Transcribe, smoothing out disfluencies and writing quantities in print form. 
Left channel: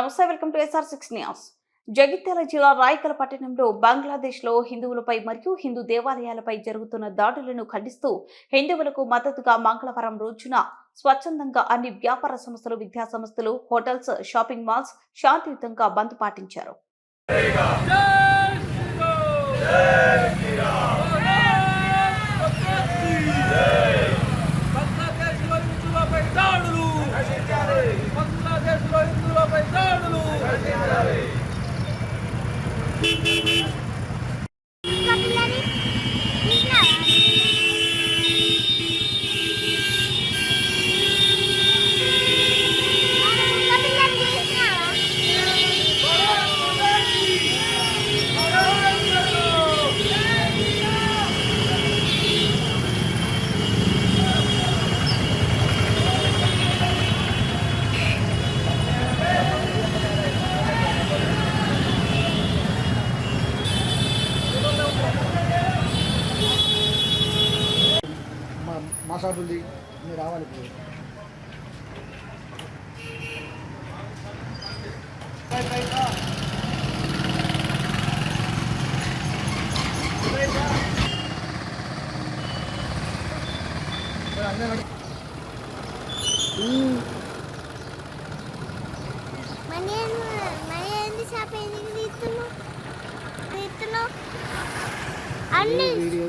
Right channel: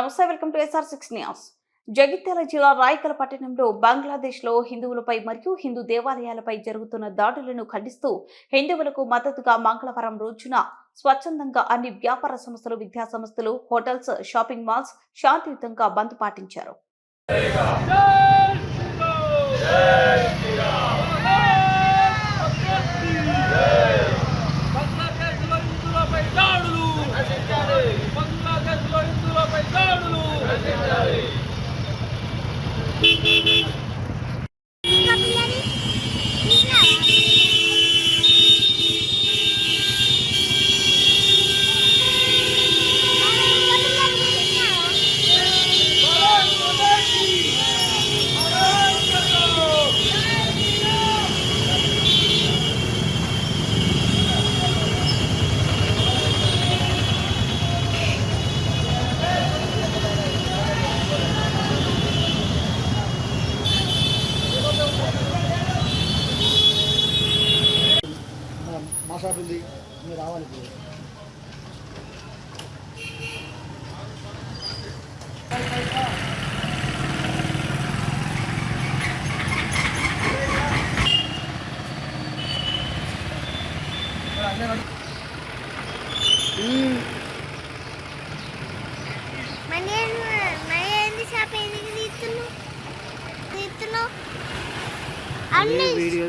నమస్తే, welcome to SR6 news. Jagtial జిల్లా రాయకల్ పట్టణంలో బంగ్లాదేశ్లో హిందువులపై మరియు హిందూ దేవాలయాలపై జరుగుతున్న దాడులను ఖండిస్తూ హిందువులకు మద్దతుగా మంగళవారం రోజున స్వచ్ఛందంగా అన్ని వ్యాపార సంస్థలు, విద్యా సంస్థలు, హోటల్స్, షాపింగ్ మాల్స్ శాంతియుతంగా బంద్ పాటించారు. మాసాడుంది మీరు రావాలి. వీడియో